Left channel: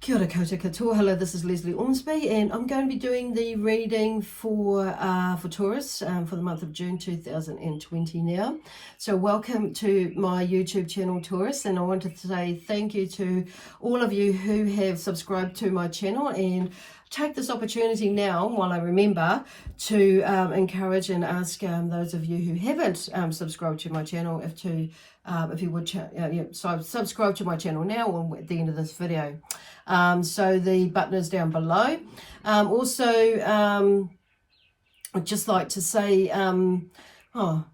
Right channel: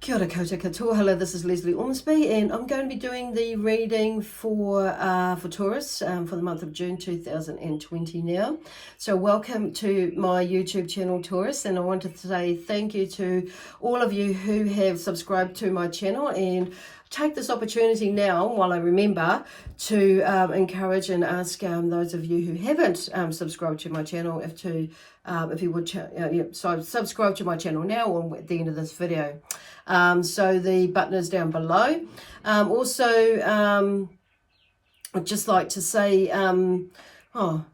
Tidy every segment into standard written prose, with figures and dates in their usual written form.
Kia ora koutou katoa. Hello, this is Lesley Ormsby, and I'm going to be doing the reading for Taurus for the month of June 2020 now. So welcome to my YouTube channel, Taurus, and I wanted to say thank you to all of you who have subscribed to my channel, and take this opportunity now, while I remember, to encourage and ask those of you who haven't subscribed to my channel if you would subscribe to my channel now or at the end of this video. So the button is down below. Also, I'd just like to say, oh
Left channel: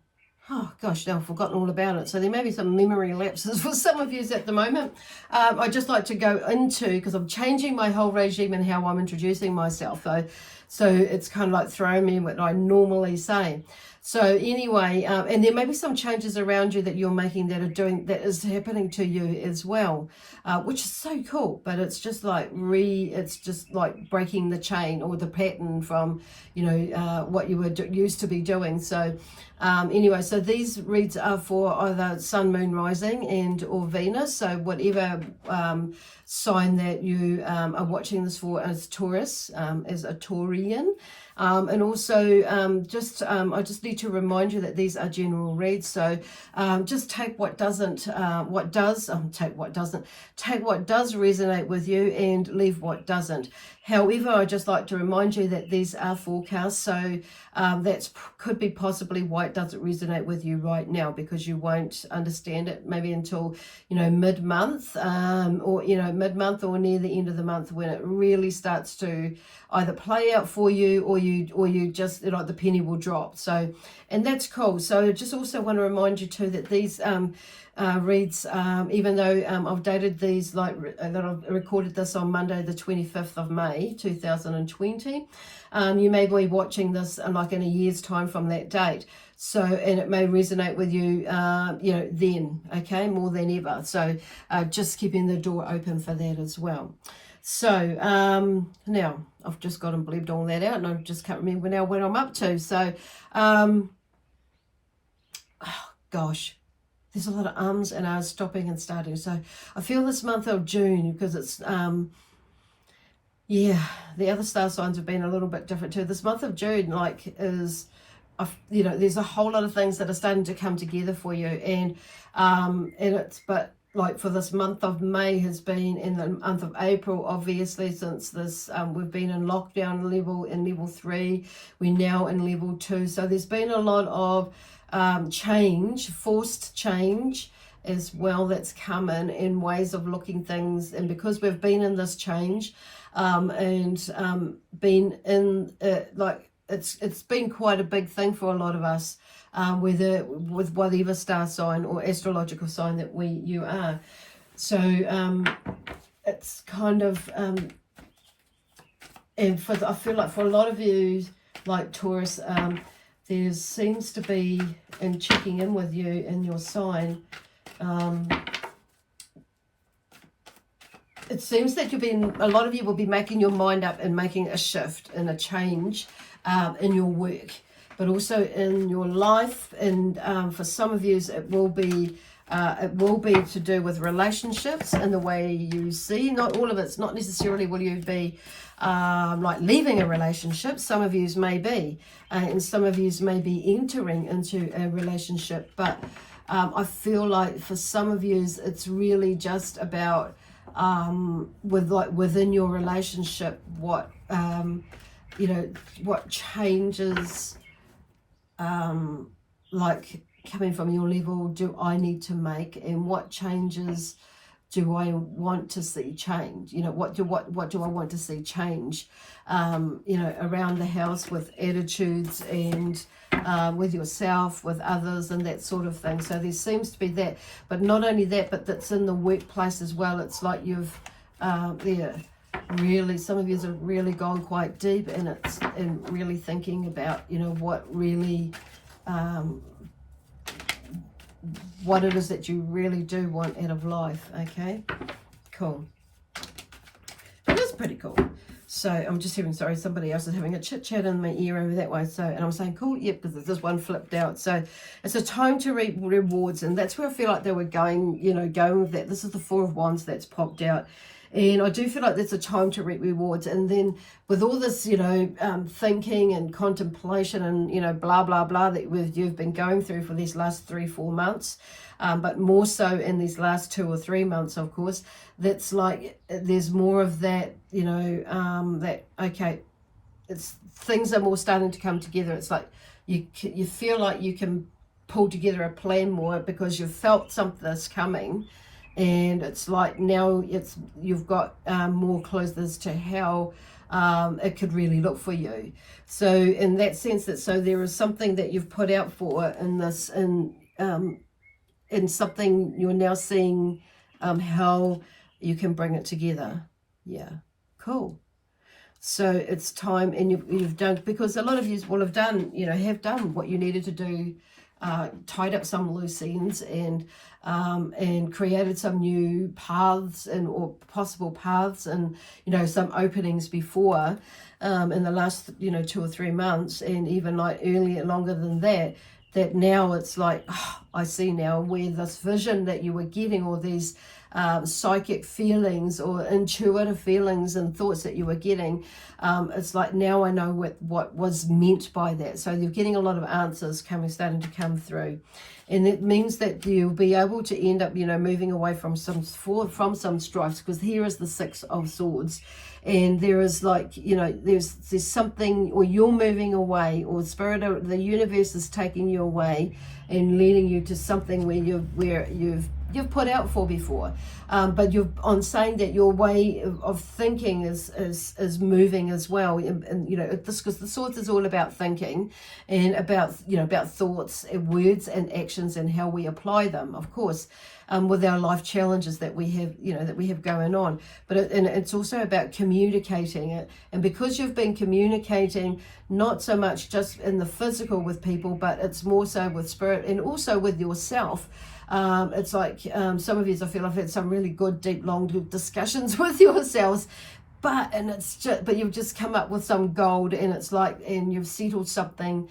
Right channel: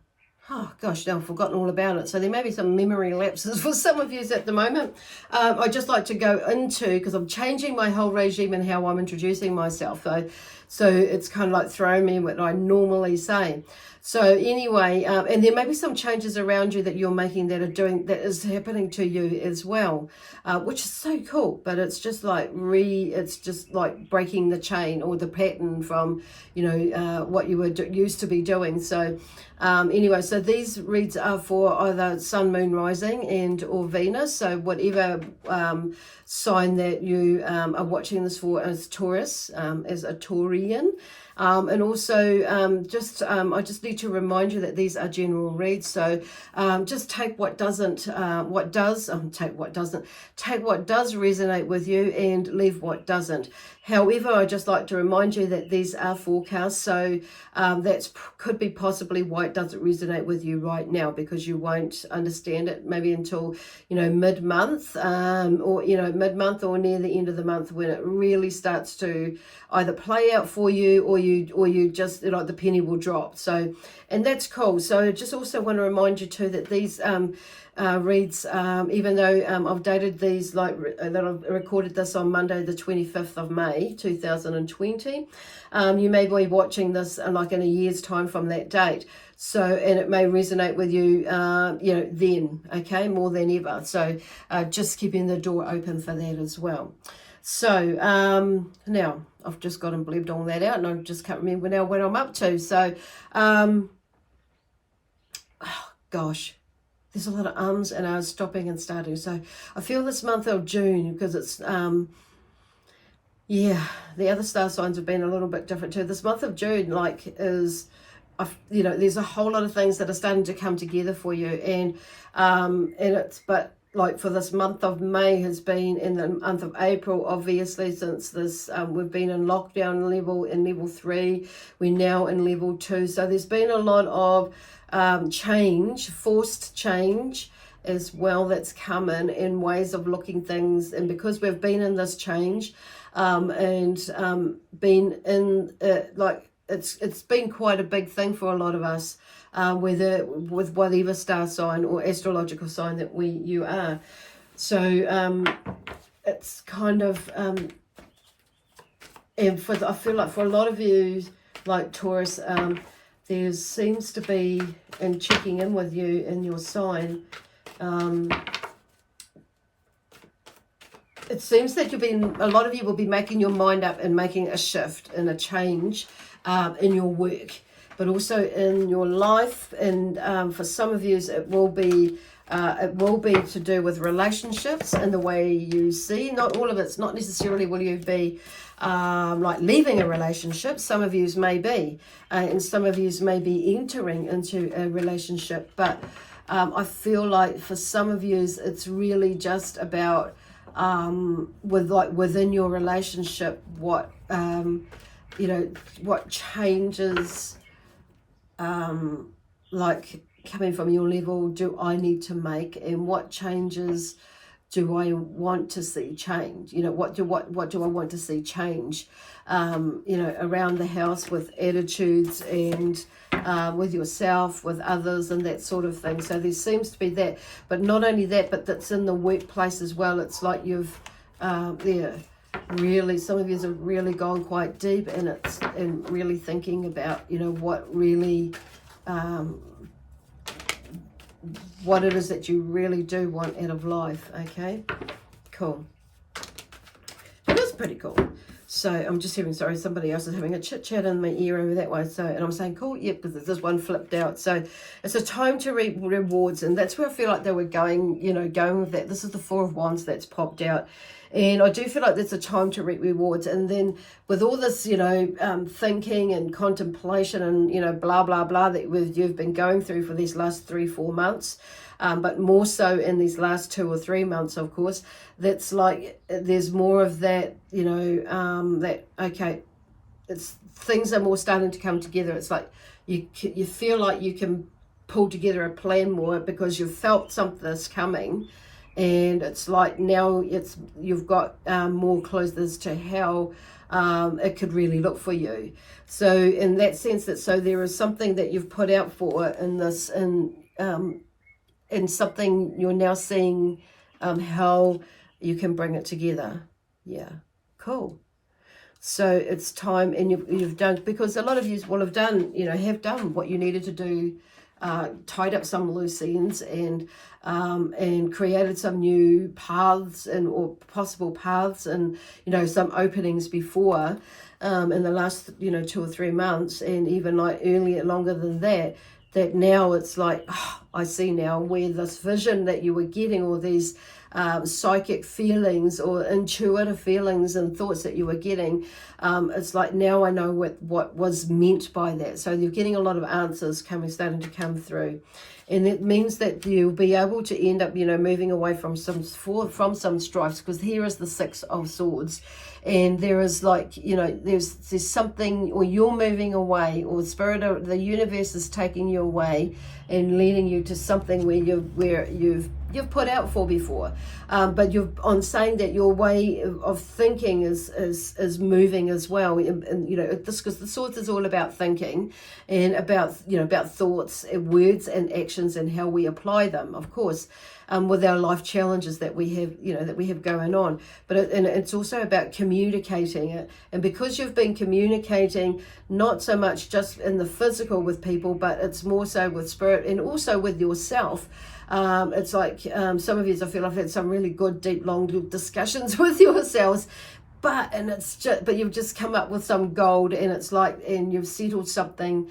gosh, now I've forgotten all about it. So there may be some memory lapses for some of you at the moment. I'd just like to go into, because I'm changing my whole regime and how I'm introducing myself, though. So it's kind of like throwing me what I normally say. So anyway, and there may be some changes around you that you're making that is happening to you as well, which is so cool. But it's just like breaking the chain or the pattern from, what you were used to be doing. So anyway, so these reads are for either Sun, Moon, Rising, and or Venus. So whatever sign that you are watching this for as Taurus, as a Taurian. And also I just need to remind you that these are general reads, so just take what does resonate with you and leave what doesn't. However, I just like to remind you that these are forecasts, so that could be possibly why it doesn't resonate with you right now, because you won't understand it maybe until mid-month, or mid-month or near the end of the month, when it really starts to either play out for you, or you just the penny will drop. So, and that's cool. So I just also want to remind you too that these reads, even though I've dated these that I've recorded this on Monday the 25th of May 2020, you may be watching this like in a year's time from that date. So, and it may resonate with you, then, okay, more than ever. So just keeping the door open for that as well. So now I've just got and blebbed all that out, and I just can't remember now what I'm up to. So, gosh, there's a lot of ums and ahs stopping and starting. So I feel this month of June, because it's, the other star signs have been a little bit different too. This month of June, there's a whole lot of things that are starting to come together for you, and for this month of May has been in the month of April, obviously, since this we've been in lockdown in level 3, we're now in level 2. So there's been a lot of change, forced change as well, that's come in ways of looking things. And because we've been in this change been in it's been quite a big thing for a lot of us, with whatever star sign or astrological sign that you are. So it's kind of and I feel like for a lot of you, like Taurus, there seems to be, in checking in with you in your sign, it seems that a lot of you will be making your mind up and making a shift and a change in your work, but also in your life. And for some of you, it will be to do with relationships and the way you see. Not all of it's not necessarily will you be like leaving a relationship. Some of you may be, and some of you may be entering into a relationship. But I feel like for some of you, it's really just about within your relationship, what changes, coming from your level, do I need to make, and what changes do I want to see change? What do I want to see change? Around the house, with attitudes, and with yourself, with others, and that sort of thing. So there seems to be that, but not only that, but that's in the workplace as well. It's like you've really, some of you have really gone quite deep, and really thinking about what really what it is that you really do want out of life. Okay, cool. That's pretty cool. So I'm just hearing, sorry, somebody else is having a chit chat in my ear over that way. So, and I'm saying, cool, yep, because this one flipped out. So it's a time to reap rewards. And that's where I feel like they were going, you know, going with that. This is the Four of Wands that's popped out. And I do feel like there's a time to reap rewards. And then with all this, you know, thinking and contemplation and, you know, blah, blah, blah that you've been going through for these last 3-4 months, but more so in these last 2 or 3 months, of course, that's like there's more of that, you know, that, okay, it's things are more starting to come together. It's like you feel like you can pull together a plan more because you've felt something's coming. And it's like now you've got more clues as to how it could really look for you. So in that sense, so there is something that you've put out for in this, and something you're now seeing how you can bring it together. Yeah, cool. So it's time, and you've done, because a lot of you will have done, you know, have done what you needed to do, tied up some loose ends, and created some new paths or possible paths, and, you know, some openings before in the last, you know, 2 or 3 months, and even like earlier, longer than that, that now it's like, oh, I see now where this vision that you were getting, or these psychic feelings or intuitive feelings and thoughts that you were getting, it's like now I know what was meant by that. So you're getting a lot of answers starting to come through, and it means that you'll be able to end up, you know, moving away from some strifes, because here is the Six of Swords, and there is like, you know, there's something, or you're moving away, or spirit of the universe is taking you away and leading you to something where you've put out for before, but on saying that your way of thinking is moving as well, and you know, this, because the Swords is all about thinking, and about, you know, about thoughts, words and actions, and how we apply them, of course, with our life challenges that we have, you know, that we have going on. But it's also about communicating it, and because you've been communicating not so much just in the physical with people, but it's more so with spirit and also with yourself. It's like some of you, I feel I've had some really good, deep, long discussions with yourselves, but you've just come up with some gold, and it's like, and you've settled something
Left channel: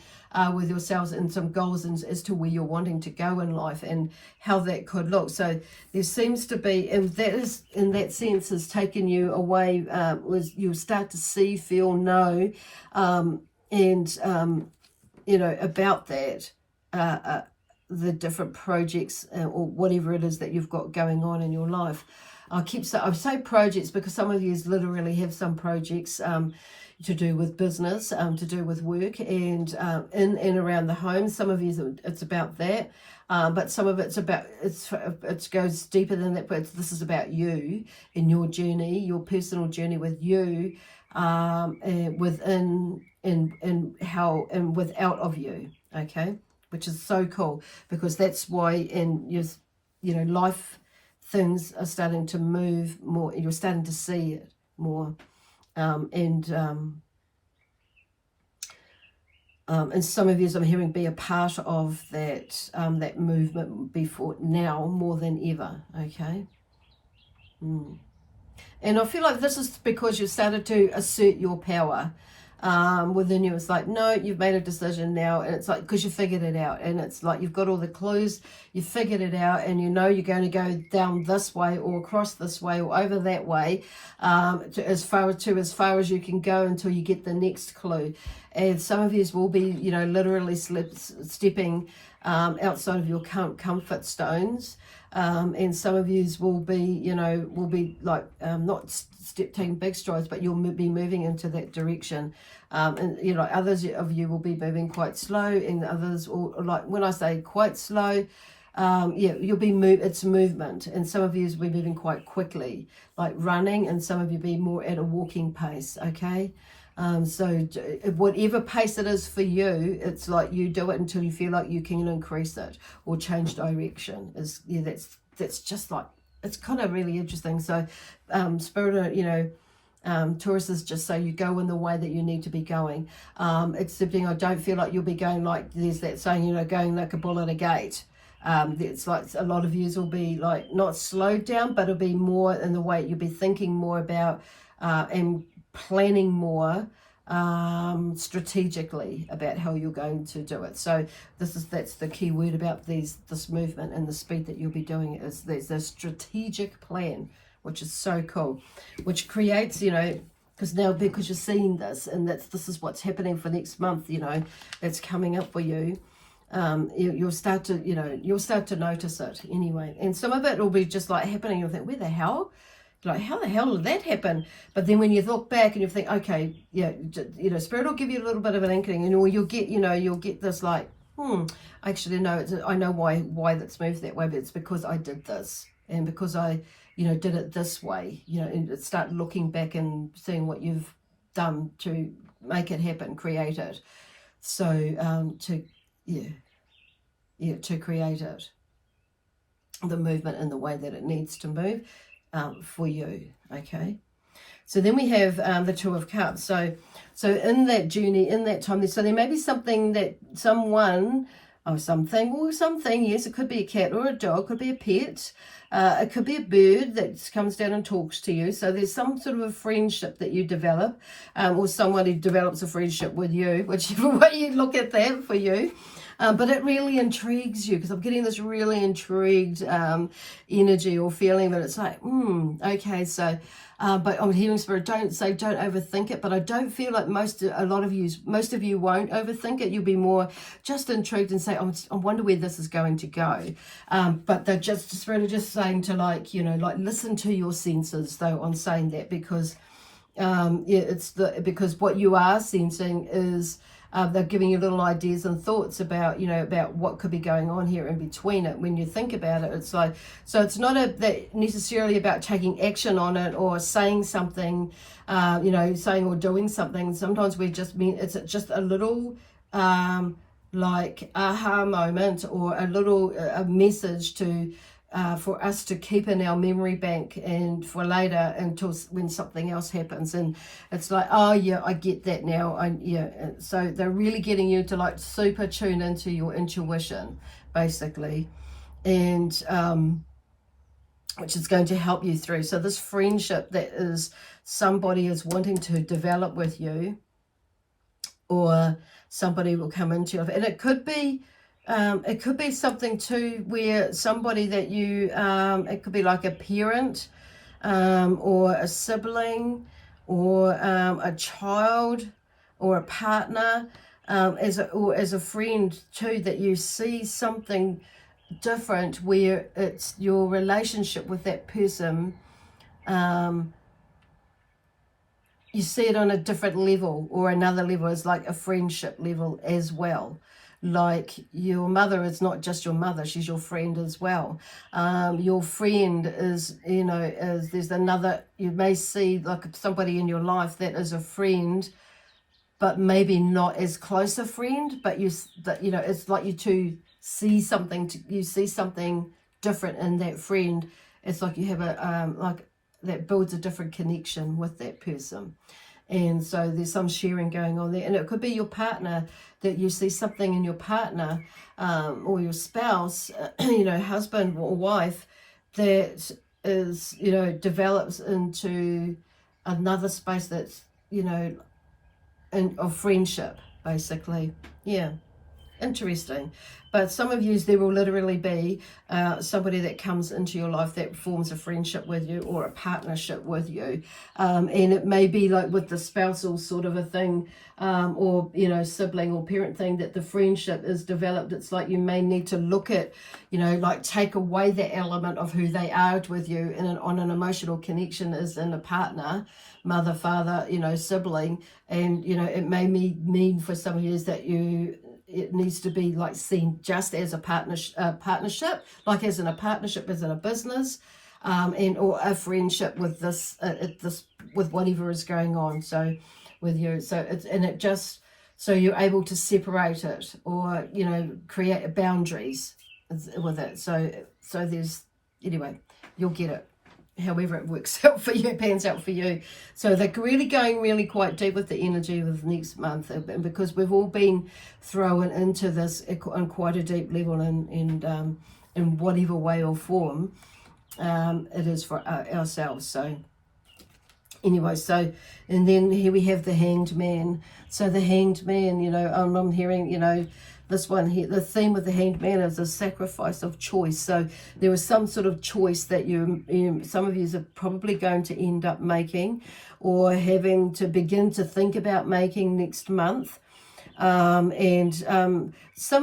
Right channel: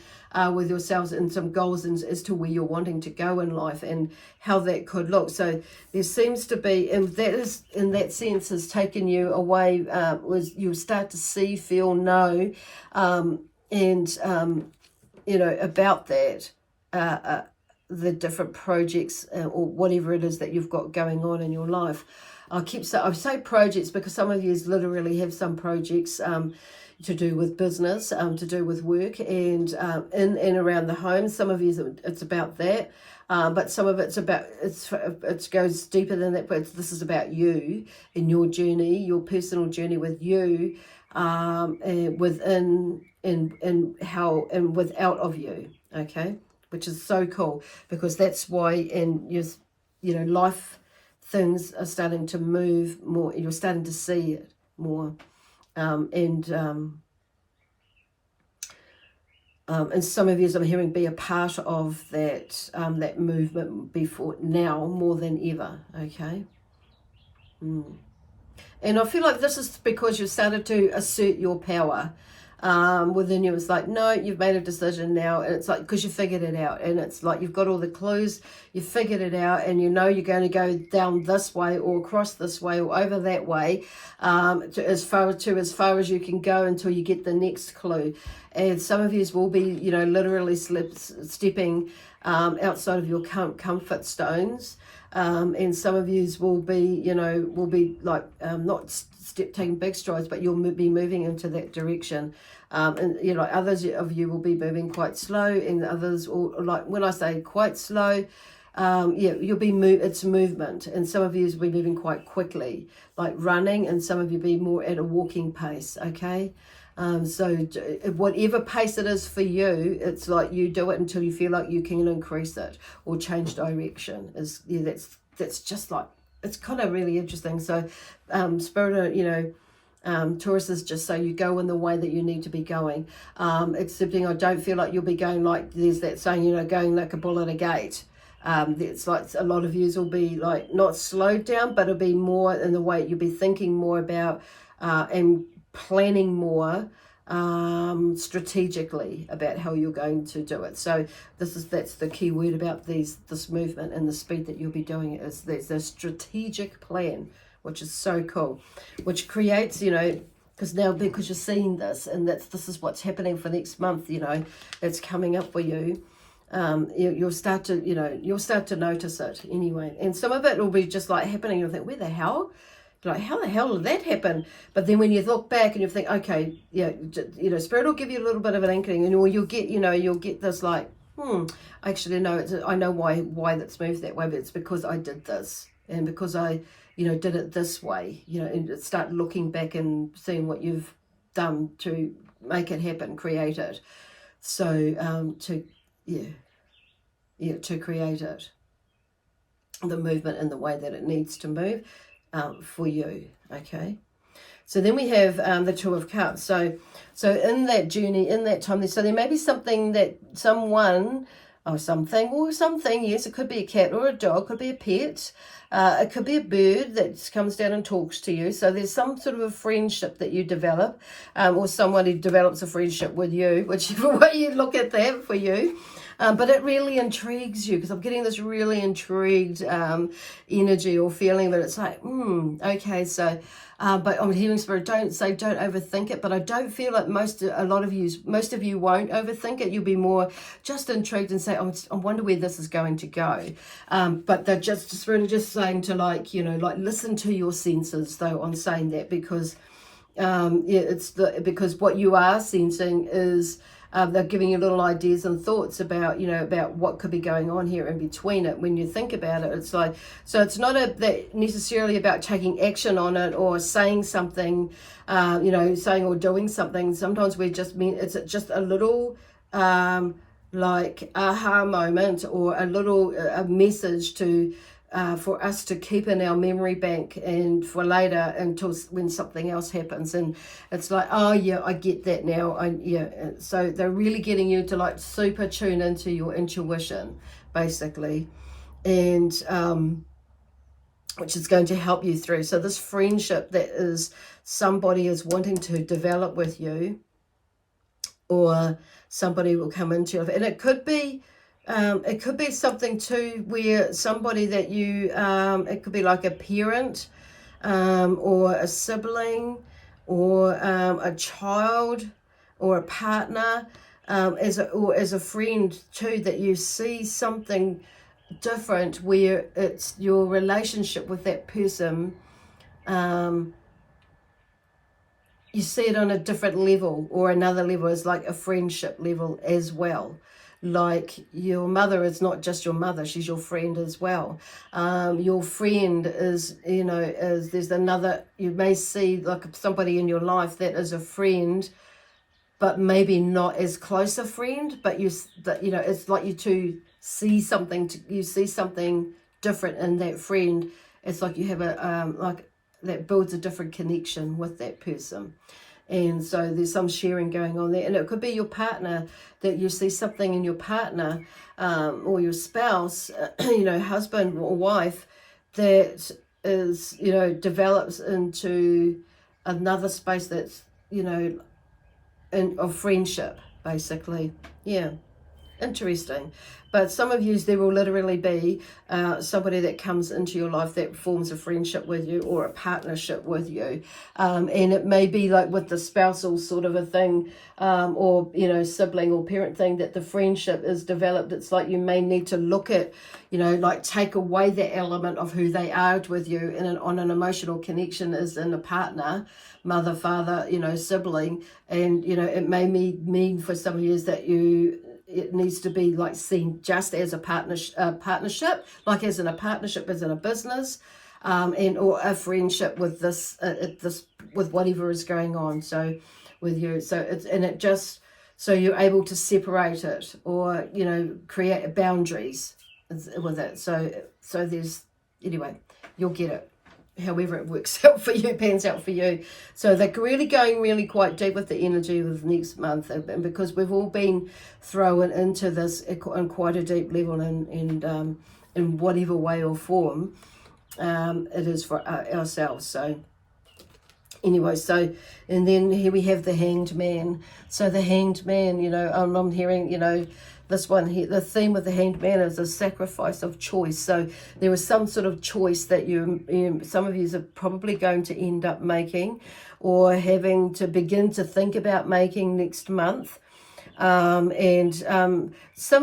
with yourselves and some goals as to where you're wanting to go in life and how that could look. So there seems to be, and that is, in that sense, has taken you away, was you start to see, feel, know, and you know, about that, the different projects or whatever it is that you've got going on in your life. I say projects because some of you literally have some projects to do with business, to do with work, and in and around the home. Some of you, it's about that, but some of it's about, it goes deeper than that, but this is about you and your journey, your personal journey with you, and within and how and without of you, okay? Which is so cool, because that's why, and you know, life things are starting to move more. You're starting to see it more, and some of you, I'm hearing, be a part of that that movement before now more than ever. Okay. And I feel like this is because you've started to assert your power within you. It's like, no, you've made a decision now, and it's like, because you figured it out, and it's like you've got all the clues, you figured it out, and you know you're going to go down this way or across this way or over that way, as far as you can go until you get the next clue. And some of you will be, you know, literally stepping outside of your comfort zones. And some of you will be, you know, like not taking big strides, but you'll be moving into that direction. And, you know, others of you will be moving quite slow, and others will, like, when I say quite slow, you'll be it's movement. And some of you will be moving quite quickly, like running, and some of you be more at a walking pace, okay? So whatever pace it is for you, it's like you do it until you feel like you can increase it or change direction. That's just like, it's kind of really interesting. So Spirit, you know, Taurus is just so you go in the way that you need to be going. Excepting I don't feel like you'll be going like, there's that saying, you know, going like a bull at a gate. It's like a lot of yous will be like not slowed down, but it'll be more in the way you'll be thinking more about and planning more strategically about how you're going to do it. So that's the key word about this movement and the speed that you'll be doing it, is there's a strategic plan, which is so cool, which creates, you know, because you're seeing this, and this is what's happening for next month, you know, it's coming up for you. You'll start to notice it anyway, and some of it will be just like happening. You'll think, where the hell? Like, how the hell did that happen? But then when you look back and you think, okay, yeah, you know, Spirit will give you a little bit of an inkling, and or you'll get this like, actually, no, I know why that's moved that way, but it's because I did this, and because I, you know, did it this way, you know, and start looking back and seeing what you've done to make it happen, create it. So, to create it, the movement in the way that it needs to move. For you, okay. So then we have the Two of Cups. So in that journey, in that time, so there may be something that someone or something. Yes, it could be a cat or a dog, it could be a pet, it could be a bird that comes down and talks to you. So there's some sort of a friendship that you develop, or someone who develops a friendship with you, whichever way you look at that for you. But it really intrigues you, because I'm getting this really intrigued energy or feeling that it's like, okay, so, but I'm hearing Spirit, don't overthink it, but I don't feel like most of you won't overthink it. You'll be more just intrigued and say, I wonder where this is going to go. But they're just really just saying to, like, you know, like, listen to your senses, though, on saying that, because, because what you are sensing is, they're giving you little ideas and thoughts about, you know, about what could be going on here in between it. When you think about it, it's like, so it's not necessarily about taking action on it or saying something, you know, saying or doing something. Sometimes it's just a little like aha moment, or a little message to for us to keep in our memory bank, and for later, until when something else happens, and it's like, oh yeah, I get that now. So they're really getting you to, like, super tune into your intuition, basically, and which is going to help you through. So this friendship that is somebody is wanting to develop with you, or somebody will come into it, and it could be something too, where somebody that you, it could be like a parent, or a sibling, or a child, or a partner, as a friend too, that you see something different, where it's your relationship with that person, you see it on a different level, or another level, is like a friendship level as well. Like, your mother is not just your mother, she's your friend as well. Your friend is, you know, there's another, you may see like somebody in your life that is a friend, but maybe not as close a friend, but you know, it's like you two see something, you see something different in that friend. It's like you have a, like, that builds a different connection with that person. And so there's some sharing going on there. And it could be your partner, that you see something in your partner, or your spouse, you know, husband or wife, that is, you know, develops into another space that's, you know, of friendship, basically. Yeah. Interesting. But some of you, there will literally be somebody that comes into your life that forms a friendship with you, or a partnership with you, and it may be like with the spousal sort of a thing, or, you know, sibling or parent thing, that the friendship is developed. It's like you may need to look at, you know, like, take away the element of who they are with you on an emotional connection as in a partner, mother, father, you know, sibling. And, you know, it may mean for some of you is that it needs to be, like, seen just as a partnership, like as in a partnership, as in a business, and or a friendship with this with whatever is going on. So with you, so so you're able to separate it, or, you know, create boundaries with it. So there's, anyway, you'll get it. However it works out for you, pans out for you. So they're really going really quite deep with the energy of next month, and because we've all been thrown into this on quite a deep level, and in whatever way or form it is for ourselves. So Anyway, so, and then here we have the Hanged Man. So the Hanged Man, you know, I'm hearing, you know, this one here, the theme with the Hanged Man is a sacrifice of choice. So there is some sort of choice that some of you are probably going to end up making, or having to begin to think about making next month. Some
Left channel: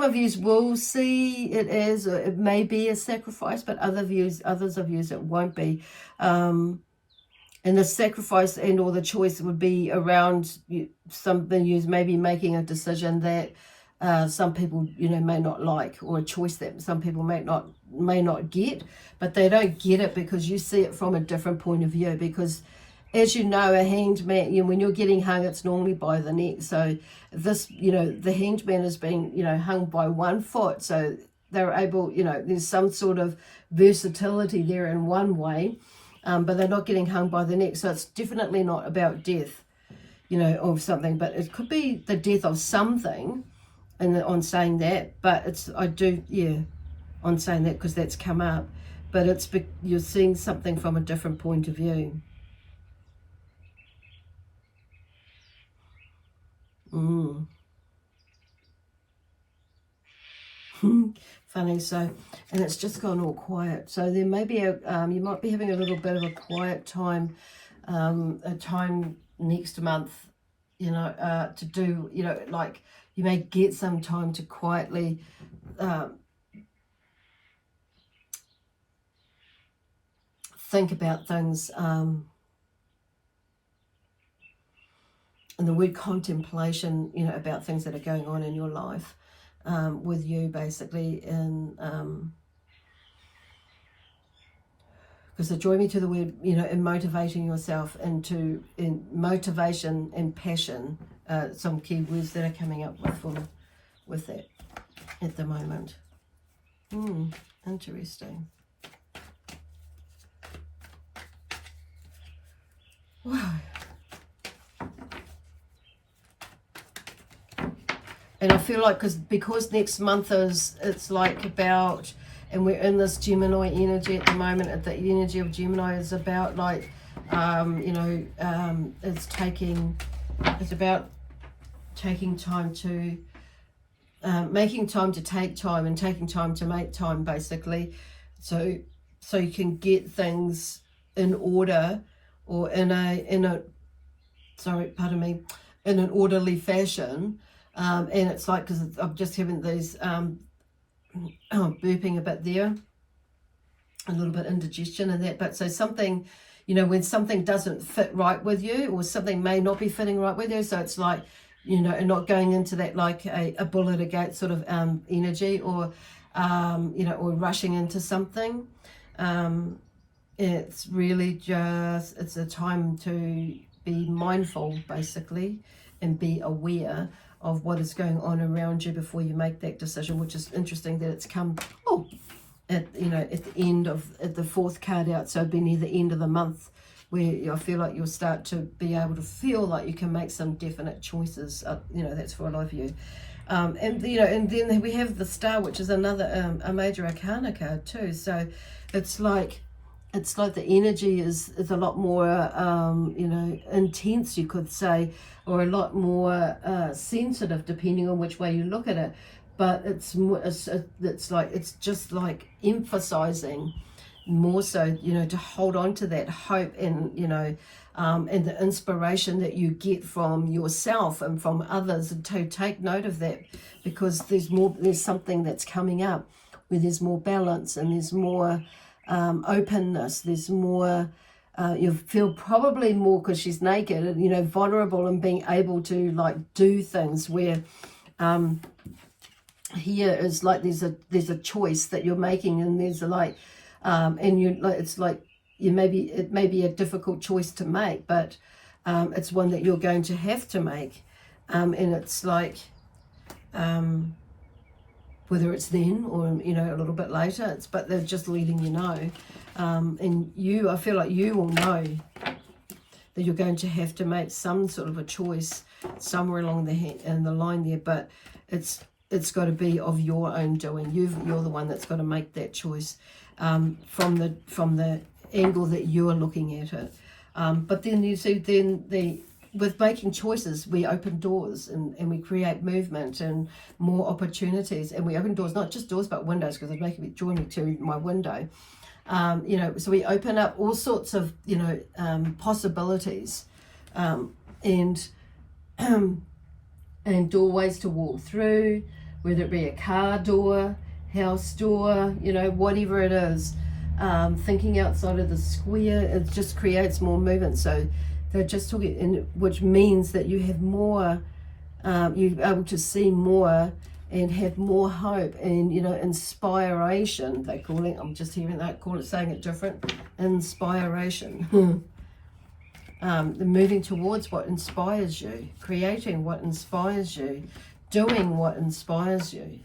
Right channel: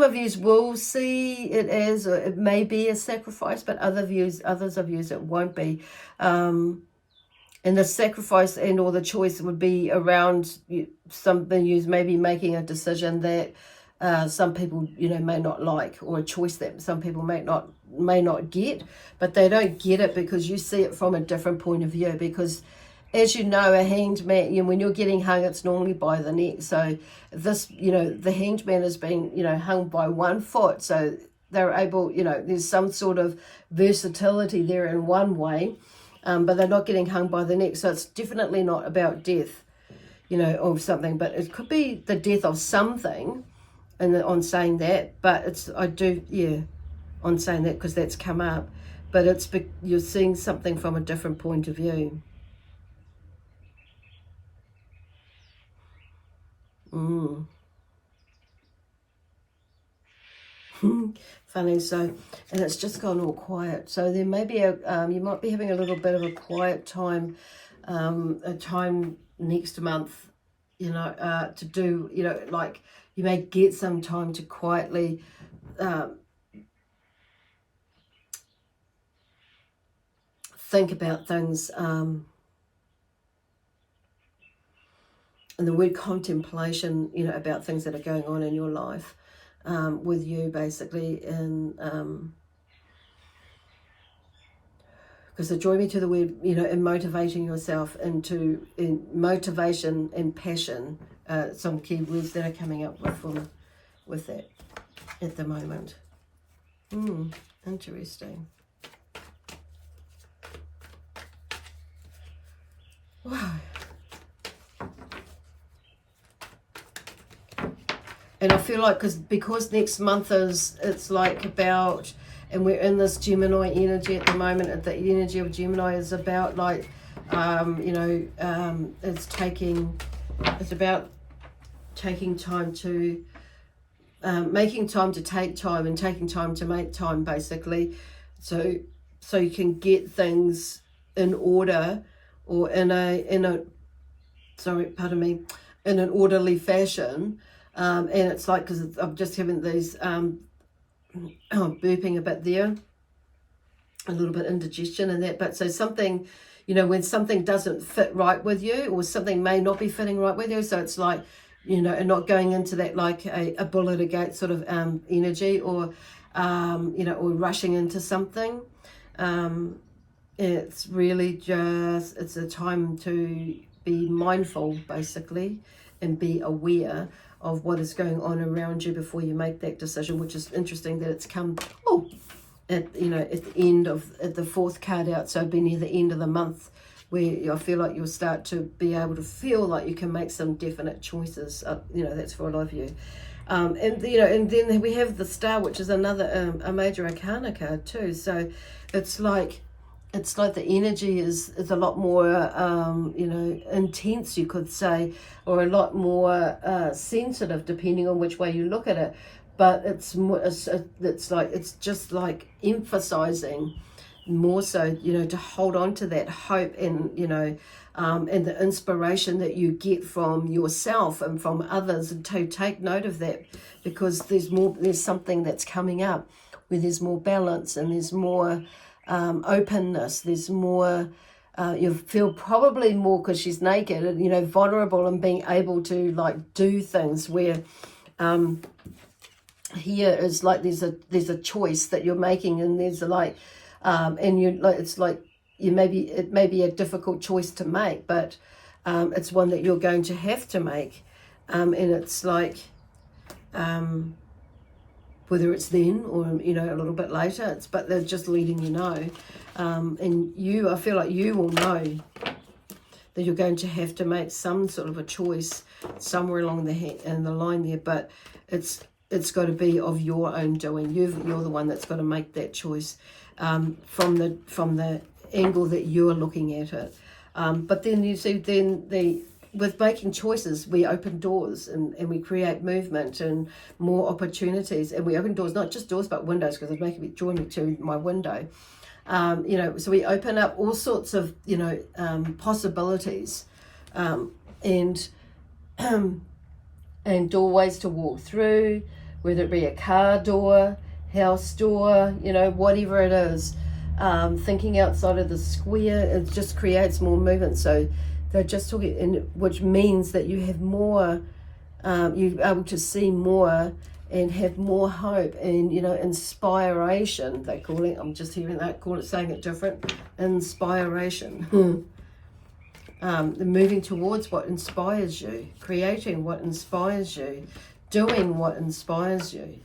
of you will see it as, or it may be a sacrifice, but others of you it won't be. And the sacrifice and or the choice would be around something you maybe making a decision that some people, you know, may not like, or a choice that some people may not get, but they don't get it because you see it from a different point of view. Because as you know, a hanged man, you know, when you're getting hung, it's normally by the neck. So this, you know, the hanged man is being, you know, hung by one foot. So they're able, you know, there's some sort of versatility there in one way. But they're not getting hung by the neck. So it's definitely not about death, you know, of something. But it could be the death of something, and on saying that. But it's, on saying that, because that's come up. But it's, you're seeing something from a different point of view. Funny. So, and it's just gone all quiet. So there may be you might be having a little bit of a quiet time, a time next month, you know, to do, you know, like you may get some time to quietly think about things. And the word contemplation, you know, about things that are going on in your life. With you, basically, and because it drew me to the word, you know, in motivating yourself, into in motivation and passion, some key words that are coming up with that at the moment. Interesting. Wow. And I feel like because next month it's like about, and we're in this Gemini energy at the moment. The energy of Gemini is about like, you know, it's about taking time to, making time to take time, and taking time to make time, basically. So you can get things in order, or in an orderly fashion. And it's like, because I'm just having these burping a bit there, a little bit indigestion and that. But so something, you know, when something doesn't fit right with you, or something may not be fitting right with you, so it's like, you know, and not going into that like a bull at a gate sort of energy, or you know, or rushing into something. It's really just, it's a time to be mindful, basically, and be aware of what is going on around you before you make that decision. Which is interesting that it's come at, you know, at the end of, at the fourth card out, so it'd be near the end of the month, where I feel like you'll start to be able to feel like you can make some definite choices. You know, that's for a lot of you. And you know, and then we have the Star, which is another a major arcana card too. So it's like the energy is a lot more you know, intense, you could say, or a lot more sensitive, depending on which way you look at it. But it's more, it's just like emphasizing more so, you know, to hold on to that hope, and you know, and the inspiration that you get from yourself and from others, and to take note of that, because there's something that's coming up where there's more balance, and there's more openness, there's more, you feel probably more, because she's naked, and you know, vulnerable, and being able to like do things where here is like there's a choice that you're making, and there's a like and you like, it's like it may be a difficult choice to make, but it's one that you're going to have to make, and it's like whether it's then or, you know, a little bit later, but they're just letting you know, and I feel like you will know that you're going to have to make some sort of a choice somewhere along the line there, but it's got to be of your own doing. You're the one that's got to make that choice from the angle that you're looking at it. But then you see, with making choices, we open doors and we create movement and more opportunities. And we open doors, not just doors, but windows, because it's making me draw me to my window. You know, so we open up all sorts of, you know, possibilities and doorways to walk through, whether it be a car door, house door, you know, whatever it is. Thinking outside of the square, it just creates more movement. So they're just talking, which means that you have more, you're able to see more and have more hope and, you know, inspiration, they call it. I'm just hearing that, saying it different. Inspiration. Moving towards what inspires you, creating what inspires you, doing what inspires you.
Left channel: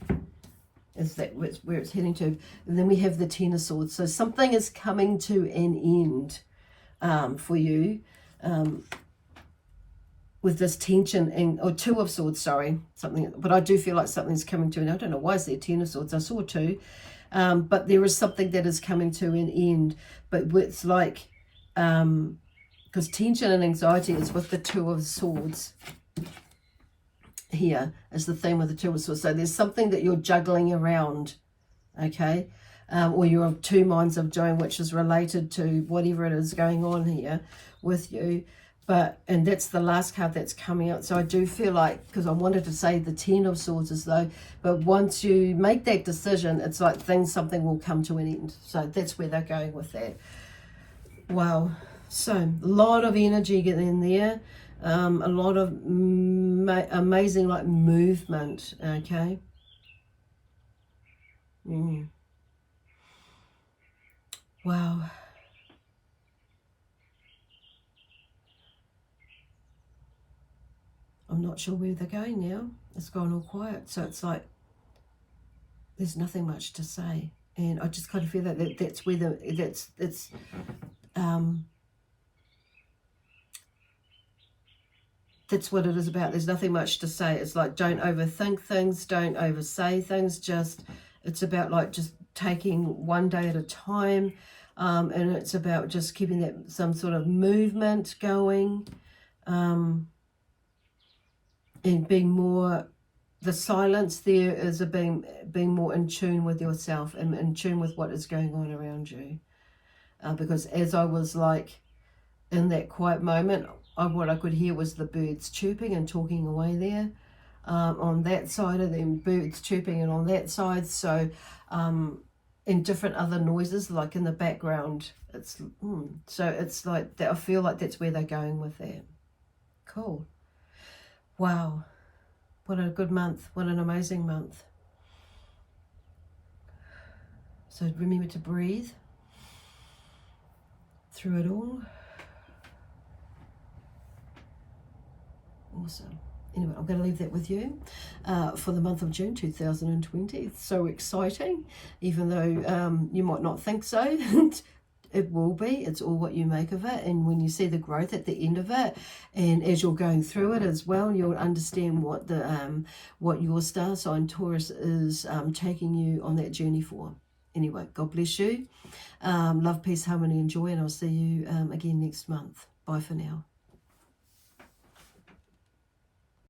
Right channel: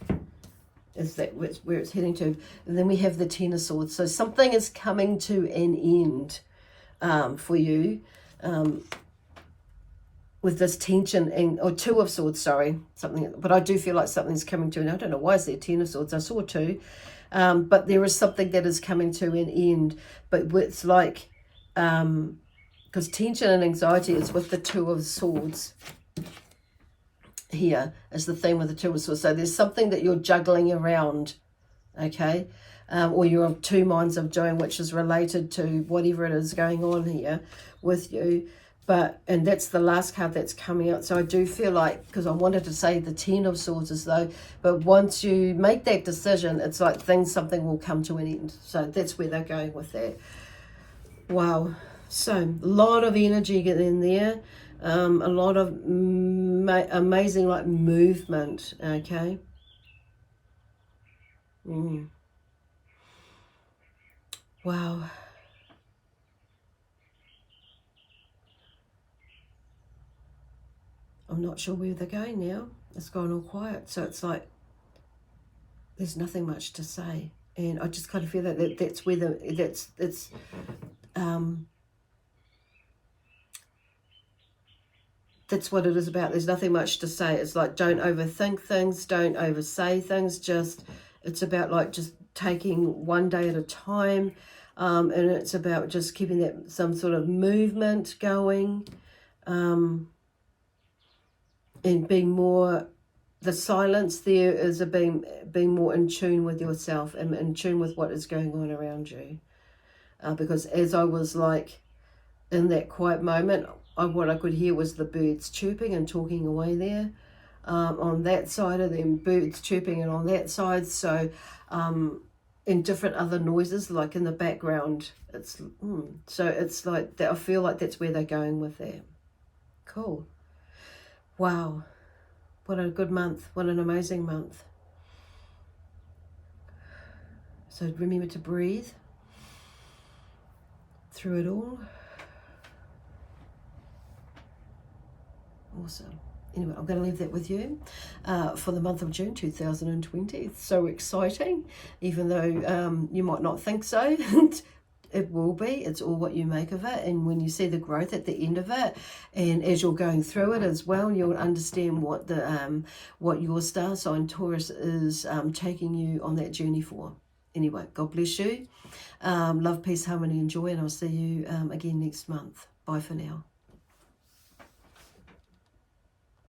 Is that where it's heading to. And then we have the Ten of Swords. So something is coming to an end for you. With this tension, or Two of Swords, sorry, something, but I do feel like something's coming to an end. I don't know why is there Ten of Swords. I saw two, but there is something that is coming to an end. But it's like, because tension and anxiety is with the Two of Swords. Here is the theme with the Two of Swords. So there's something that you're juggling around, okay, or you're of two minds of doing, which is related to whatever it is going on here with you. And that's the last card that's coming out. So I do feel like, because I wanted to say the Ten of Swords as though, but once you make that decision, it's like something will come to an end. So that's where they're going with that. Wow. So a lot of energy getting in there. A lot of amazing like movement, okay. Wow. I'm not sure where they're going now. It's gone all quiet. So it's like there's nothing much to say. And I just kind of feel that that's where that's what it is about. There's nothing much to say. It's like, don't overthink things, don't oversay things. Just, it's about like just taking one day at a time. And it's about just keeping that some sort of movement going. And being more, the silence there is being more in tune with yourself and in tune with what is going on around you. Because as I was like in that quiet moment, what I could hear was the birds chirping and talking away there. On that side of them, birds chirping, and on that side, so and different other noises like in the background. It's so it's like that. I feel like that's where they're going with that. Cool. Wow, what a good month. What an amazing month. So remember to breathe through it all. Awesome. Anyway, I'm going to leave that with you for the month of June 2020. It's so exciting, even though you might not think so. It will be. It's all what you make of it. And when you see the growth at the end of it, and as you're going through it as well, you'll understand what what your star sign Taurus is taking you on that journey for. Anyway, God bless you. Love, peace, harmony, and joy, and I'll see you again next month. Bye for now.